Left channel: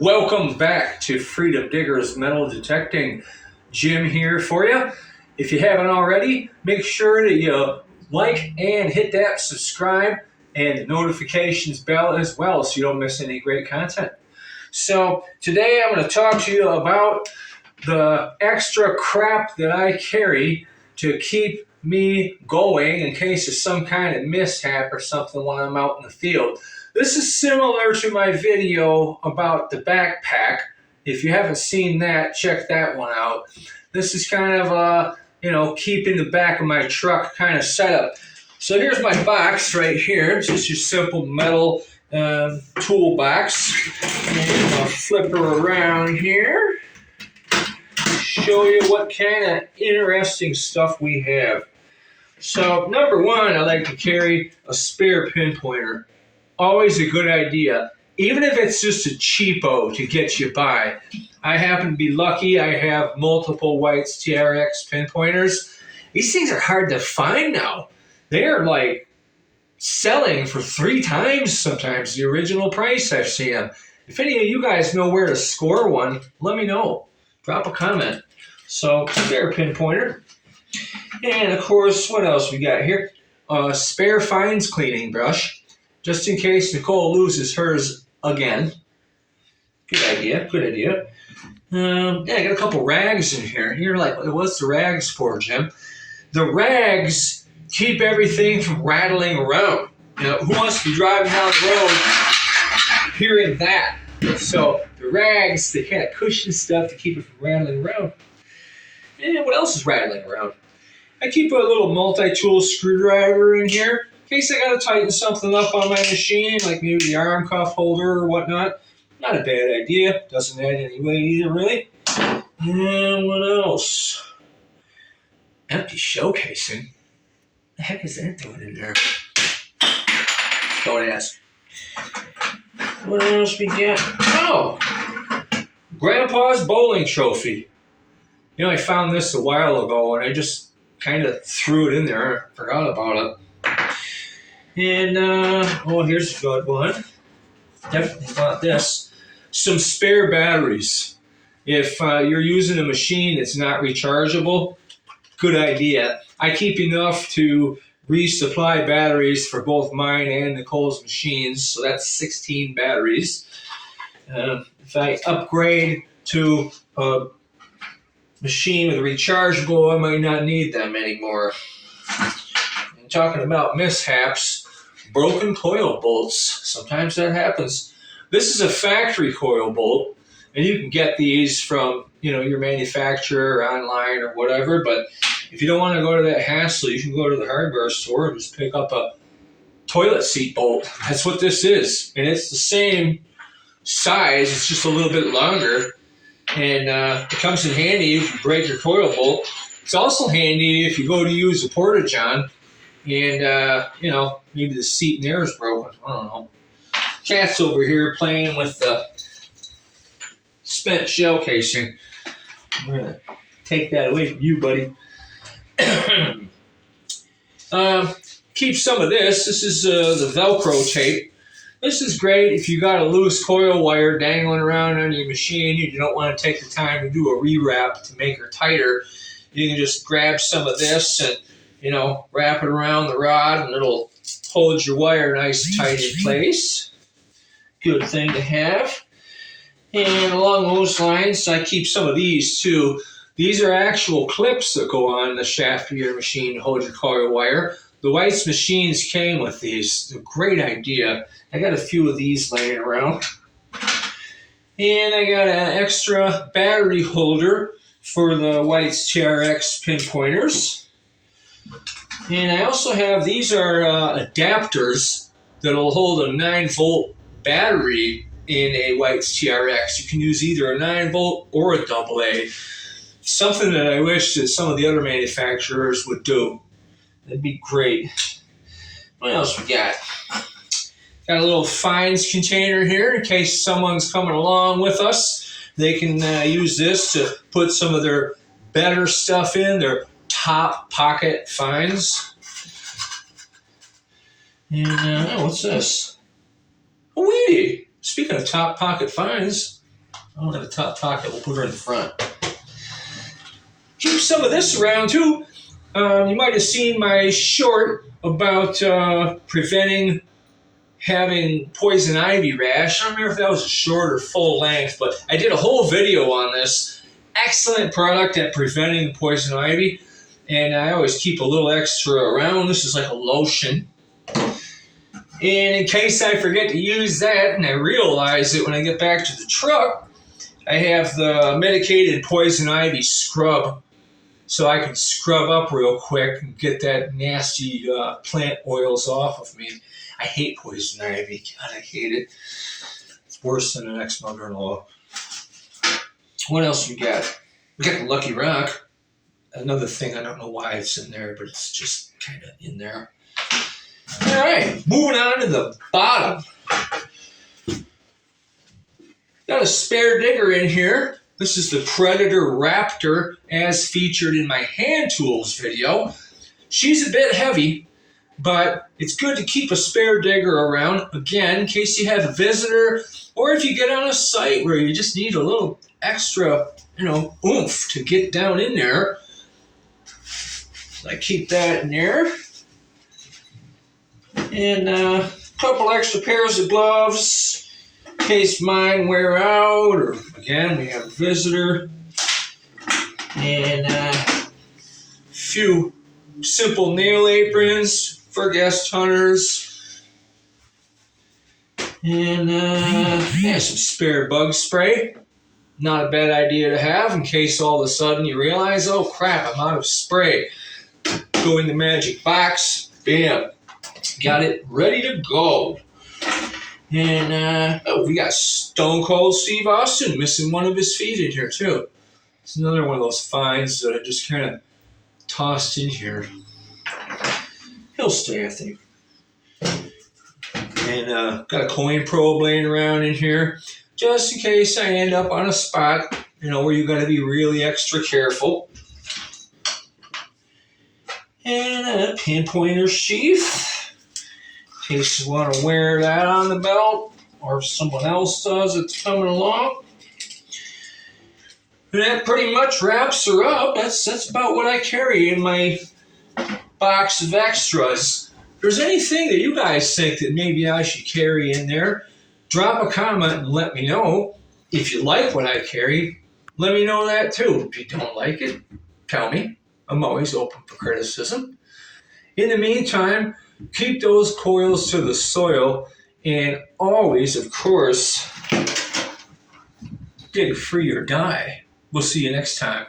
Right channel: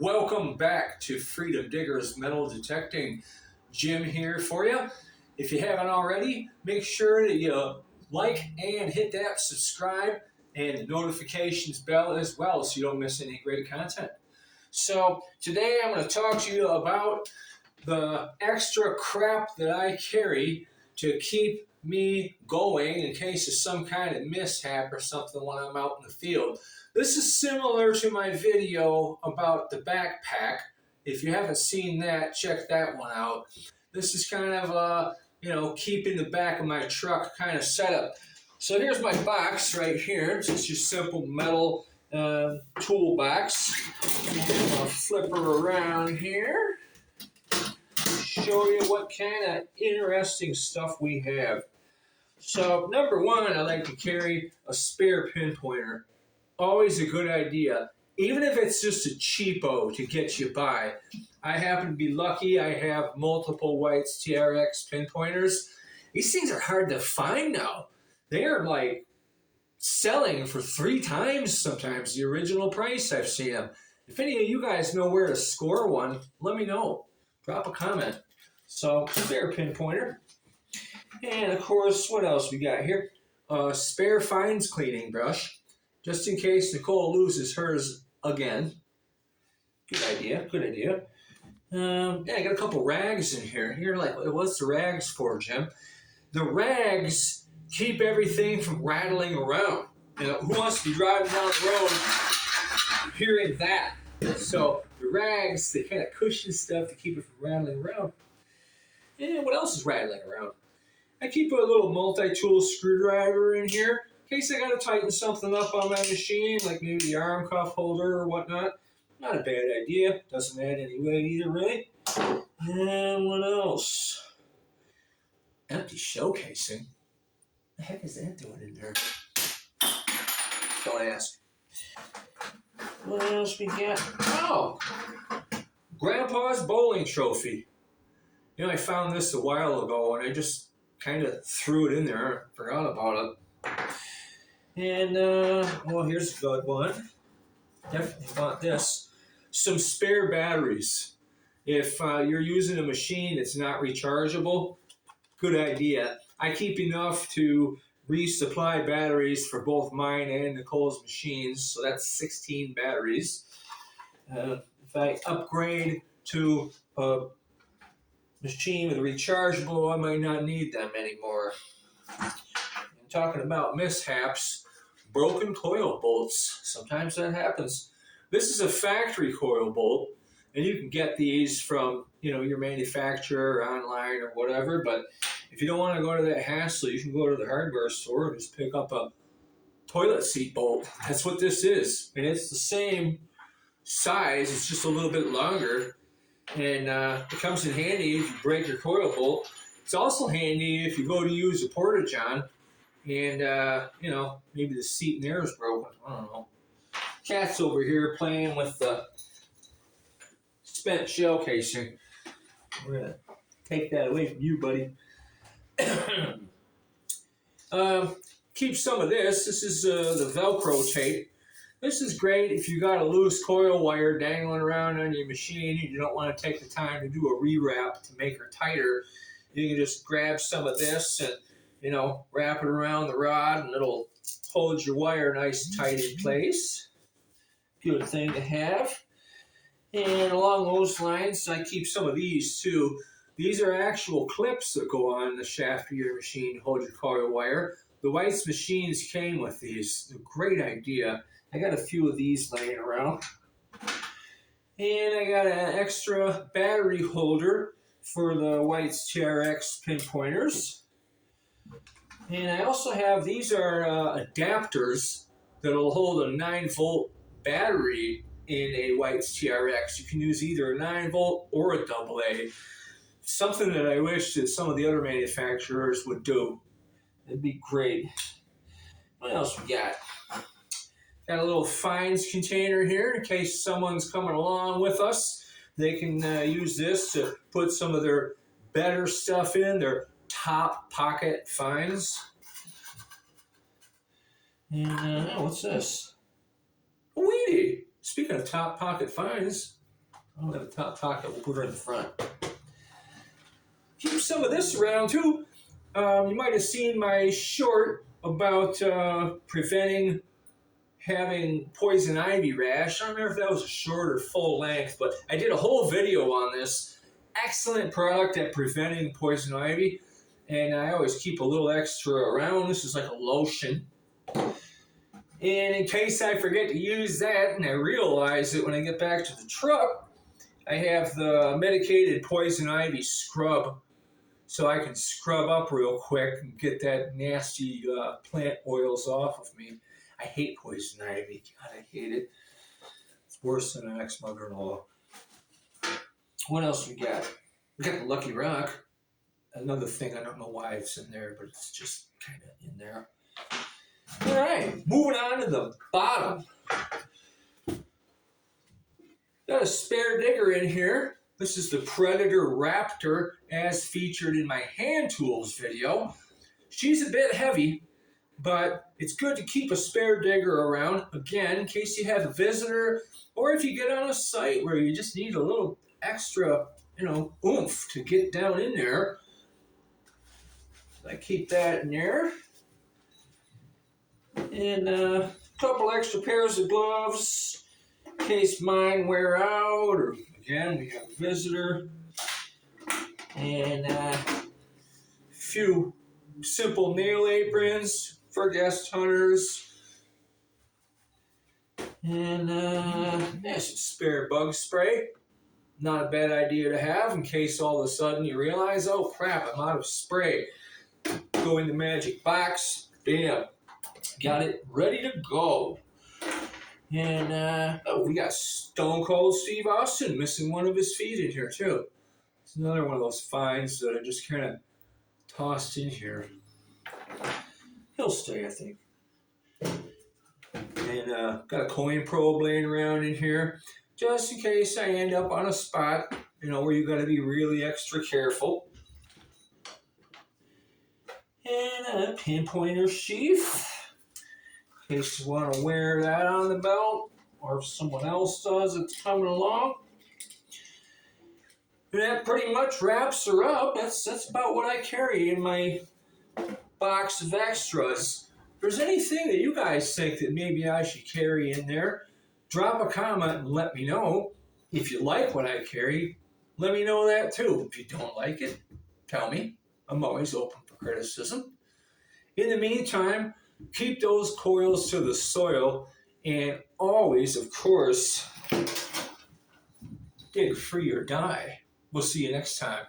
Welcome back to Freedom Diggers Metal Detecting. Jim here for you. If you haven't already, make sure that you like and hit that subscribe and the notifications bell as well so you don't miss any great content. So today I'm going to talk to you about the extra crap that I carry to keep me going in case of some kind of mishap or something when I'm out in the field. This is similar to my video about the backpack. If you haven't seen that, check that one out. This is kind of keeping the back of my truck kind of set up. So here's my box right here. It's just your simple metal toolbox. And I'll flip her around here. Show you what kind of interesting stuff we have. So number one, I like to carry a spare pinpointer. Always a good idea, even if it's just a cheapo to get you by. I happen to be lucky. I have multiple White's TRX pinpointers. These things are hard to find now. They're like selling for 3 times sometimes the original price I've seen them. If any of you guys know where to score one, let me know. Drop a comment. So, spare pinpointer. And of course, what else we got here? Spare fines cleaning brush. Just in case Nicole loses hers again. Good idea, good idea. I got a couple rags in here. You're like, what's the rags for, Jim? The rags keep everything from rattling around. You know, who wants to be driving down the road hearing that? So the rags, they kind of cushion stuff to keep it from rattling around. And what else is rattling around? I keep a little multi-tool screwdriver in here. In case I gotta tighten something up on my machine, like maybe the arm cuff holder or whatnot. Not a bad idea. Doesn't add any weight either, really. And what else? Empty shell casing. The heck is that doing in there? Don't ask. What else we got? Oh! Grandpa's bowling trophy. You know, I found this a while ago and I just kind of threw it in there. I forgot about it. And, here's a good one. Definitely bought this. Some spare batteries. If you're using a machine that's not rechargeable, good idea. I keep enough to resupply batteries for both mine and Nicole's machines, so that's 16 batteries. If I upgrade to a machine with rechargeable, I might not need them anymore. And talking about mishaps, broken coil bolts. Sometimes that happens. This is a factory coil bolt, and you can get these from, your manufacturer or online or whatever, but if you don't want to go to that hassle, you can go to the hardware store and just pick up a toilet seat bolt. That's what this is. And it's the same size, it's just a little bit longer, and it comes in handy if you break your coil bolt. It's also handy if you go to use a porta-john and, maybe the seat in there is broken. I don't know. Cat's over here playing with the spent shell casing. I'm going to take that away from you, buddy. Keep some of this. This is the Velcro tape. This is great if you got a loose coil wire dangling around on your machine and you don't want to take the time to do a rewrap to make her tighter. You can just grab some of this and wrap it around the rod and it'll hold your wire nice and tight in place. Good thing to have. And along those lines, I keep some of these too. These are actual clips that go on the shaft of your machine to hold your coil wire. The White's machines came with these. They're a great idea. I got a few of these laying around. And I got an extra battery holder for the White's TRX pinpointers. And I also have, these are adapters that'll hold a 9-volt battery in a White's TRX. You can use either a 9-volt or a AA. Something that I wish that some of the other manufacturers would do. That'd be great. What else we got? Got a little fines container here in case someone's coming along with us. They can use this to put some of their better stuff in, their top pocket fines. And what's this? A weedie. Speaking of top pocket fines, I don't have a top pocket. We'll put her in the front. Keep some of this around too. You might have seen my short about preventing having poison ivy rash. I don't remember if that was a short or full length, but I did a whole video on this. Excellent product at preventing poison ivy. And I always keep a little extra around. This is like a lotion. And in case I forget to use that and I realize it when I get back to the truck, I have the medicated poison ivy scrub. So I can scrub up real quick and get that nasty plant oils off of me. I hate poison ivy. God, I hate it. It's worse than an ex-mother-in-law. What else we got? We got the Lucky Rock. Another thing, I don't know why it's in there, but it's just kind of in there. All right, moving on to the bottom. Got a spare digger in here. This is the Predator Raptor as featured in my hand tools video. She's a bit heavy, but it's good to keep a spare digger around, again, in case you have a visitor or if you get on a site where you just need a little extra, oomph to get down in there. I keep that in there. And a couple extra pairs of gloves in case mine wear out, or again, we have a visitor. And a few simple nail aprons for guest hunters. And some spare bug spray. Not a bad idea to have in case all of a sudden you realize, oh crap, I'm out of spray. Go in the magic box, bam, got it ready to go. And we got Stone Cold Steve Austin missing one of his feet in here too. It's another one of those finds that I just kind of tossed in here. He'll stay, I think. And got a coin probe laying around in here, just in case I end up on a spot, where you're going to be really extra careful. And a pinpointer sheath, in case you want to wear that on the belt, or if someone else does that's coming along. And that pretty much wraps her up. That's about what I carry in my box of extras. If there's anything that you guys think that maybe I should carry in there, drop a comment and let me know. If you like what I carry, let me know that too. If you don't like it, tell me. I'm always open for criticism. In the meantime, keep those coils to the soil, and always, of course, dig free or die. We'll see you next time.